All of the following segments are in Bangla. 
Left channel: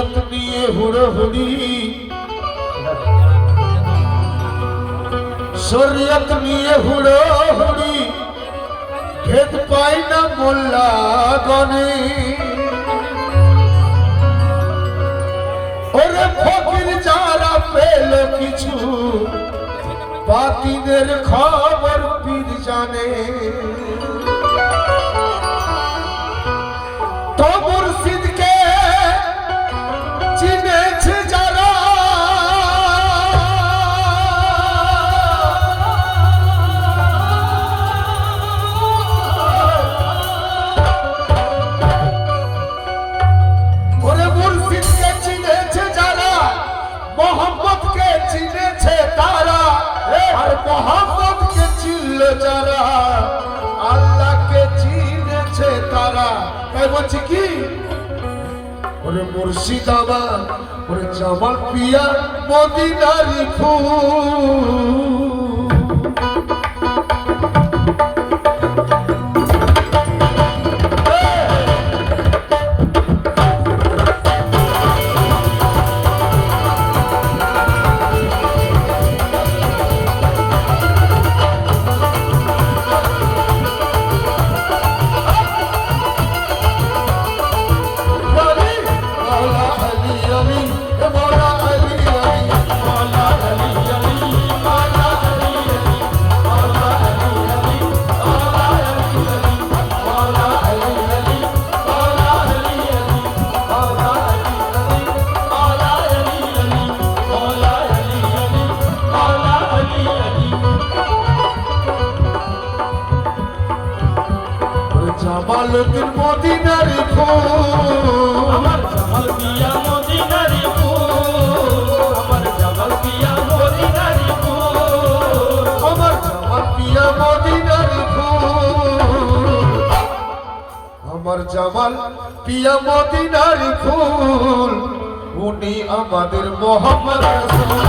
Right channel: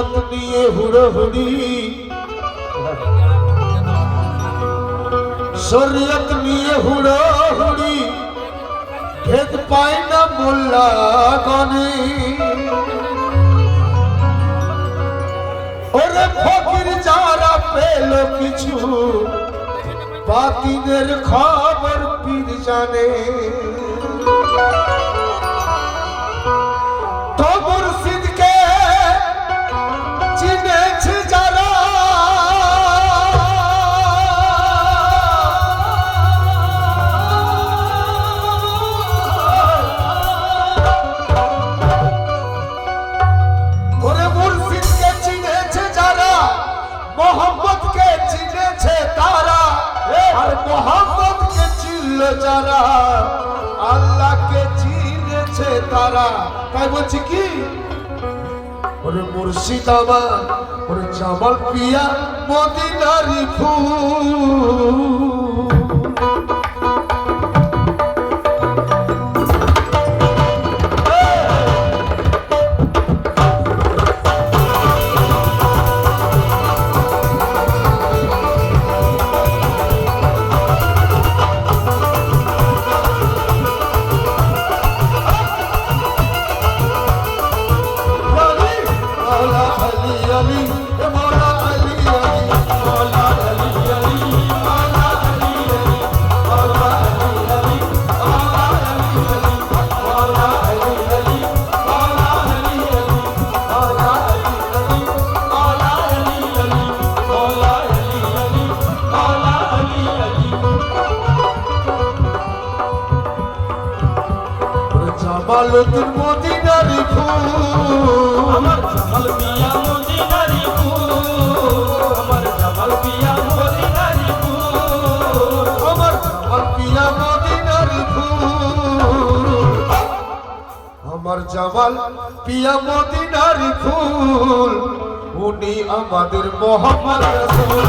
শরীয়ত নিয়ে হুড়োহুড়ি, শরীয়ত নিয়ে হুড়োহুড়ি, ভেদ পায় না মোল্লা গনে। ওরে ফকির যারা পেল কিছু, বাতিনের খবর পীর জানে। তো মুর্শিদকে চিনেছে যারা, ওরে মুর্শিদকে চিনেছে যারা, মোহাম্মদকে চিনেছে তারা, আর মোহাম্মদকে চিনল যারা, আল্লাহকে চিনেছে তারা। তাই বলছি কি, ওরে মুর্শিদ আমার, ওরে জামাল পিয়া মদিনারি ফুল। জামালউদ্দিন মদিনারি ফুল, আমার জামাল পিয়া মদিনারি ফুল, আমার জামাল পিয়া মদিনারি ফুল, আমার জামাল পিয়া মদিনারি ফুল, আমার জামাল পিয়া মদিনারি ফুল। উনি আমাদের মোহাম্মদ রাসূল।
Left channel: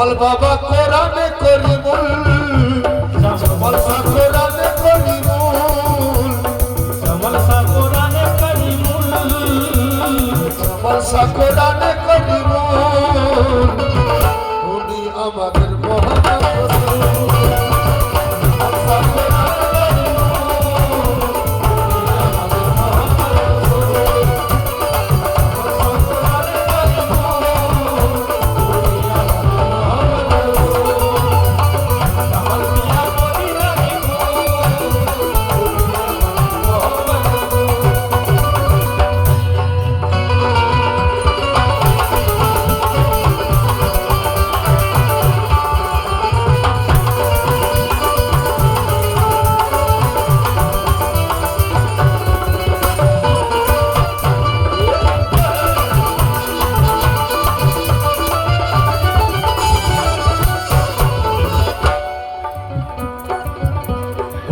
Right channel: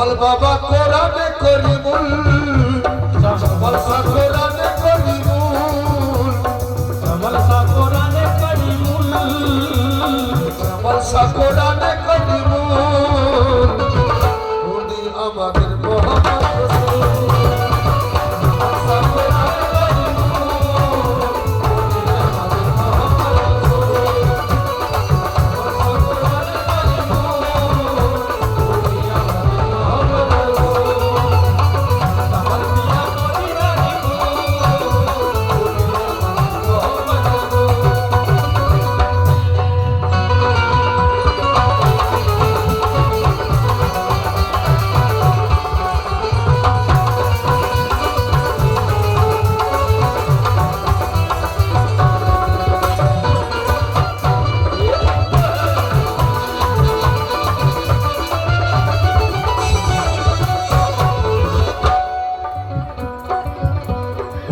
জামাল বাবা কোরআনে করিমুল, জামাল শাহ কোরআনে করিমুল, জামাল শাহ কোরআনে করিমুল, জামাল শাহ কোরআনে করিমুল, উনি আমাদের মোহাম্মদ রাসূল।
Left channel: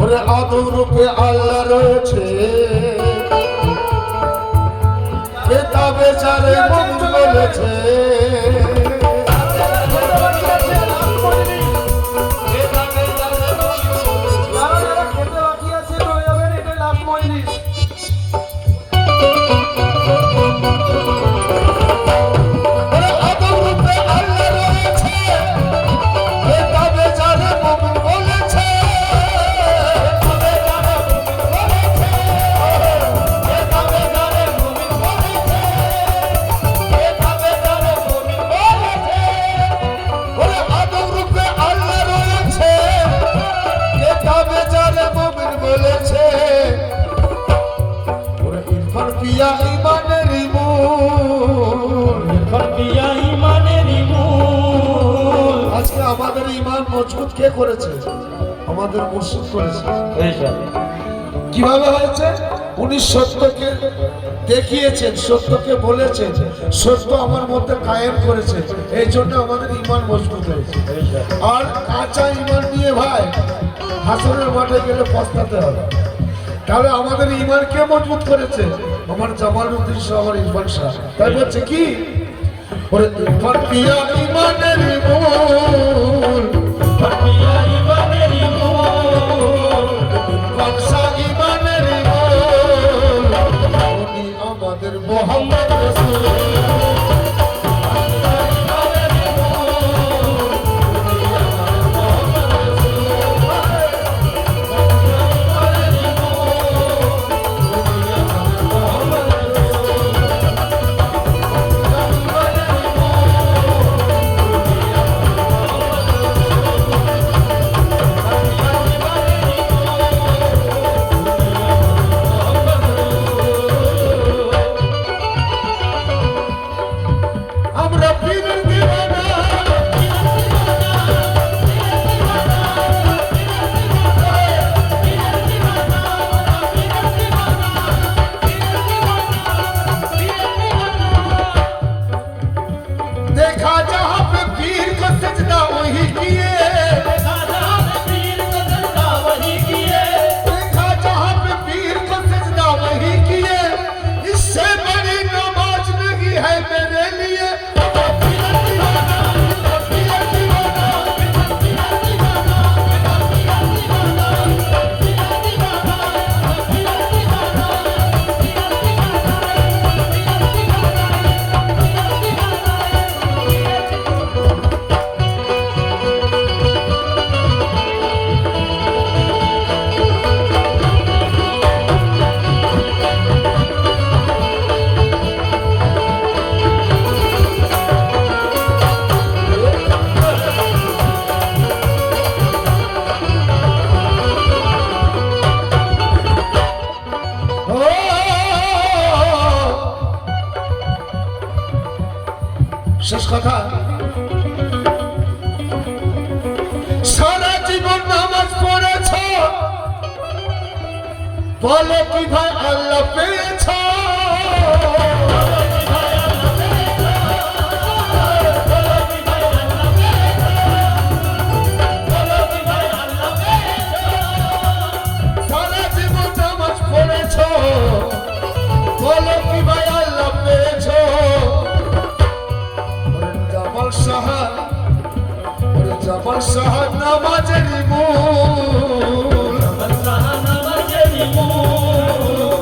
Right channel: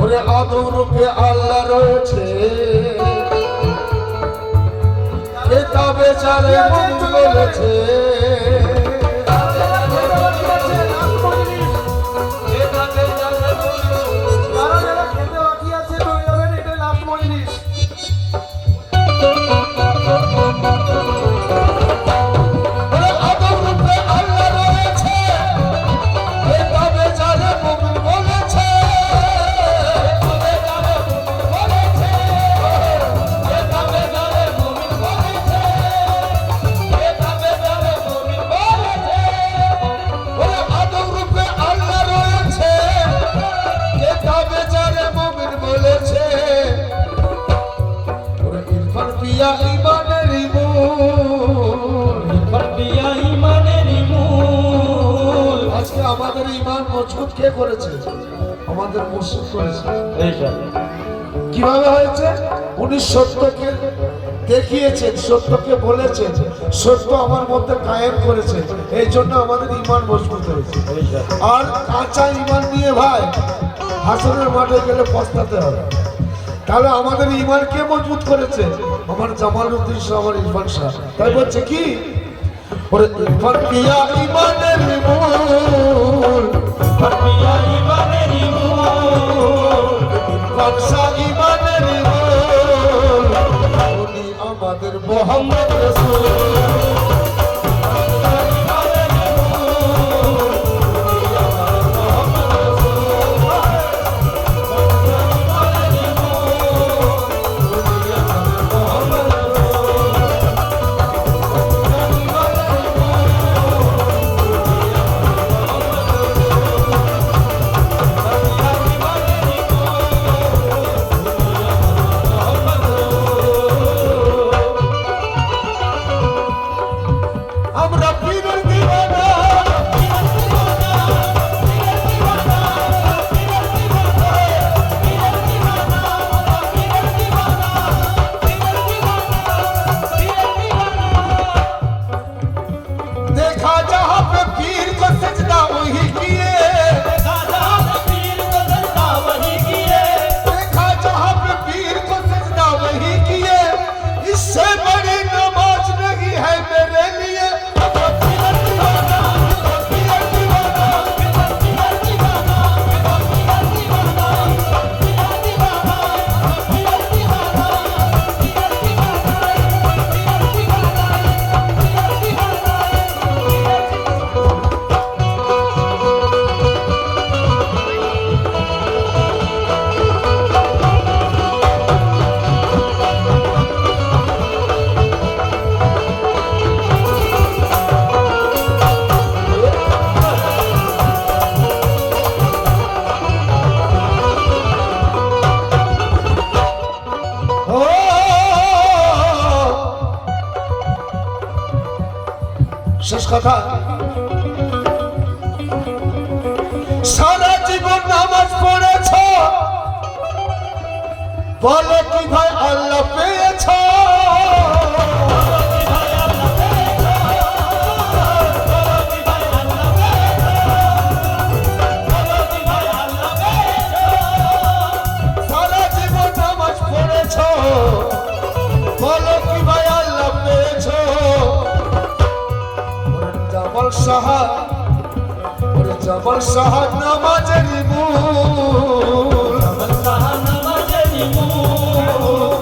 ওরে আদম রূপে আল্লাহ রয়েছে, কেতাবে যারে মুমিন বলেছে। ওরে আদম রূপে আল্লাহ রয়েছে, কেতাবে যারে মুমিন বলেছে। ওরে আদম রূপে আল্লাহ রয়েছে, কেতাবে যারে মুমিন বলেছে। ওরে ইরফান পিয়া ঈমানের মূল, পিয়া ঈমানেরই মূল। আজকে আমাদের ঈমান মজবুত কে করেছে? আমাদের মুর্শিদ করেছে। কিভাবে হয়েছে? উনি সত্যকে দেখিয়েছেন, সত্যকে বলেছেন, সত্য আমার মধ্যে কায়েম করেছে, এই জন্য আমাদের ঈমান মজবুত হয়েছে। আর কাঁচা ঈমান নিয়ে ভাই হাসনের মাঠে গেলে পস্তাতে হবে। তাহলে আমাদের ঈমান কে মজবুত করেছে? আমার জামালউদ্দিন শাহ, আমার ইরফান শাহ। তাই বলছে কি, ওরে ইরফান পিয়া ঈমানের মূল, পিয়া ঈমানেরই মূল। ইরফান শাহ ঈমানের মূল, উনি আমাদের মোহাম্মদ রাসূল। আমরা পীরের দিওয়ানা, देखा जहाँ पे पीर को सजदा वही किए, देखा जहाँ पे पीर को सजदा वही किए। इससे बड़ी नमाज नहीं है मेरे लिए। শেষ কথা, সারা জীবন নামাজ পড়েছ, বলো কি ভাই আল্লাহ পেয়েছ? সারা জীবন নামাজ পড়েছ, বলো কি ভাই আল্লাহ পেয়েছ? জামাল শাহ ওরে জামাল শাহ নামাজের মূল জামাল শাহ নামাজের মূল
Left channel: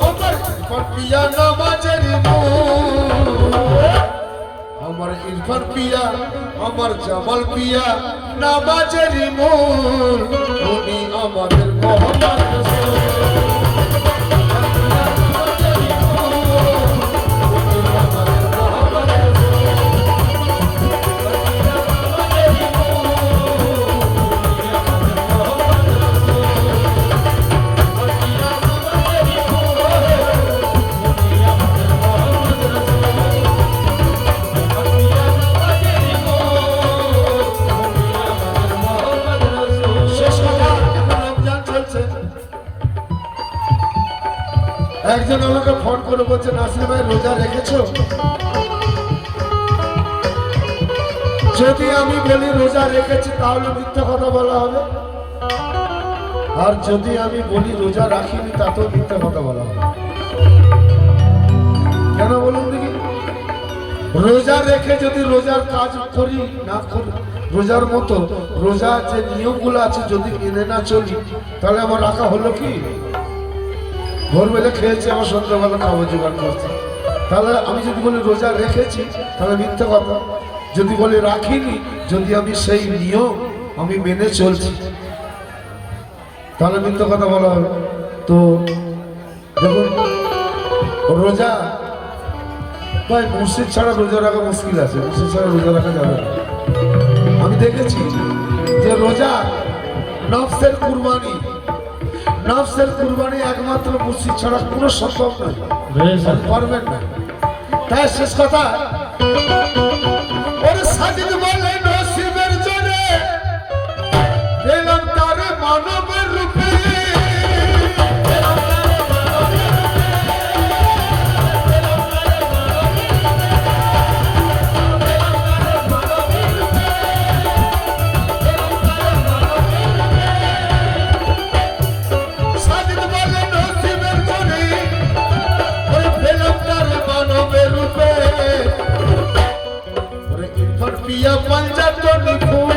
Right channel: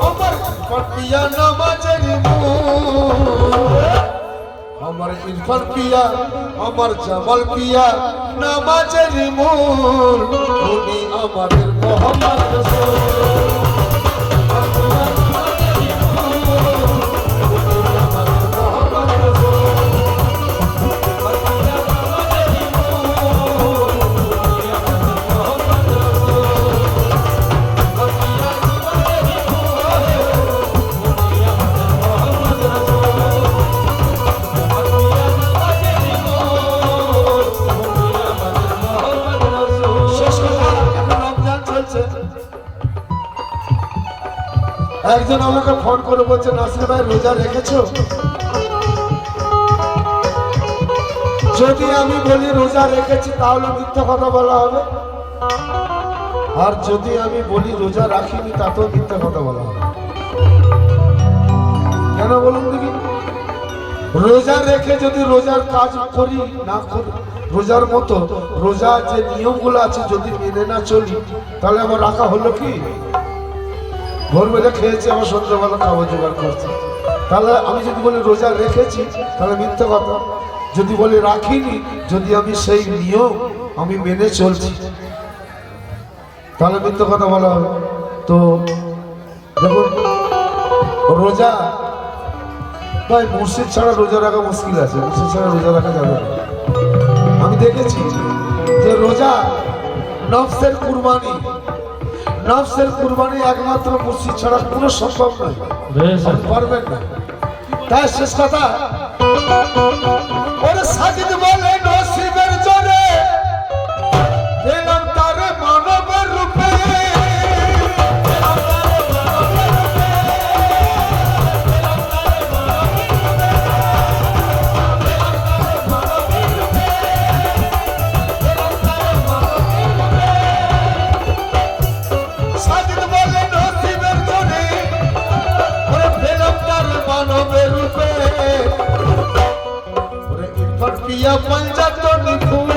আমার ইরফান পিয়া নামাজের মূল আমার ইরফান পিয়া আমার জামাল পিয়া নামাজের মূল উনি আমাদের মোহাম্মদ রাসূল একজন আমাকে ফোন করে বলছে নাসির ভাই রোজা রেখেছো? যদি আমি বলি রোজা রেখেছি তাহলে মিথ্যা কথা বলা হবে, আর যদি আমি বলি রোজা রাখিনি তাতেও মিথ্যা কথা বলা হবে। কেন বলুন দেখি? রোজা রেখে যদি রোজার কাজ করি না করি, রোজার মতো রোজা যে নিয়মগুলো আছে যদি মেনে না চলি তাহলে আমার রাখা হলো কি? ভোরবেলা খেয়েছি, আমার সন্ধ্যাবেলা খাবার জোগাড় করছি, তাহলে আমি যদি বলি রোজা রেখেছি তাহলে মিথ্যা কথা। যদি বলি রাখিনি, যদি আমি সেই নিয়ম আমি মেনে চলছি তাহলে মিথ্যা কথা বলা হবে। তো দেখুন রোজা ভাই মসজিদ ছাড়া রোজা রাখা মুশকিল আছে, মসজিদ ছাড়া রোজা রাখা যাবে না। আমি দেখেছি যে রোজা নফসের কুরবানি, নফসের কুরবানি একমাত্র মসজিদ ছাড়া কোনো সম্ভব নয়, পারবেন না। তাই শেষ কথা ওরে সাজিদ বলে নসিবের জোরে পেলাম তারে মানবের রূপে, সাজিদ বলে নসিবের জোরে ওরে পেলাম তারে মানবের রূপে, ওরে ইরফান পিয়া পঞ্জাতনি ফুল,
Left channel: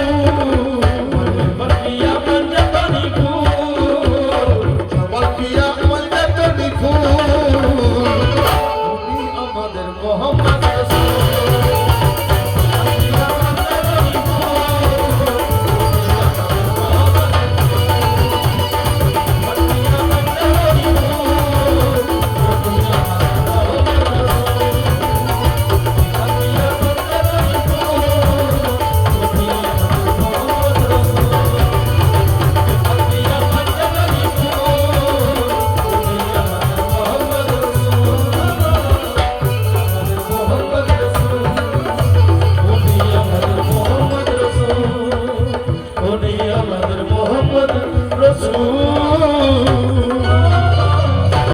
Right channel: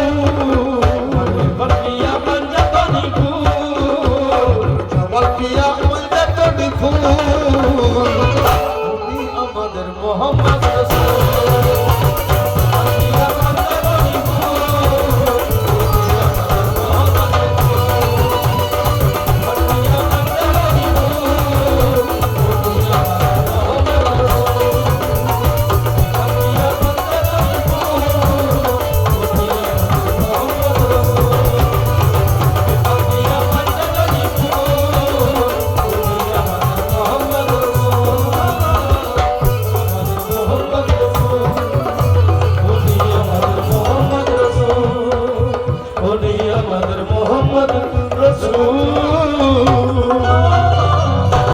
ইরফান পিয়া পঞ্জাতনি ফুল জামাল পিয়া পঞ্জাতনি ফুল উনি আমাদের মোহাম্মদ রাসূল। আমাদের মোহাম্মদ রাসূল।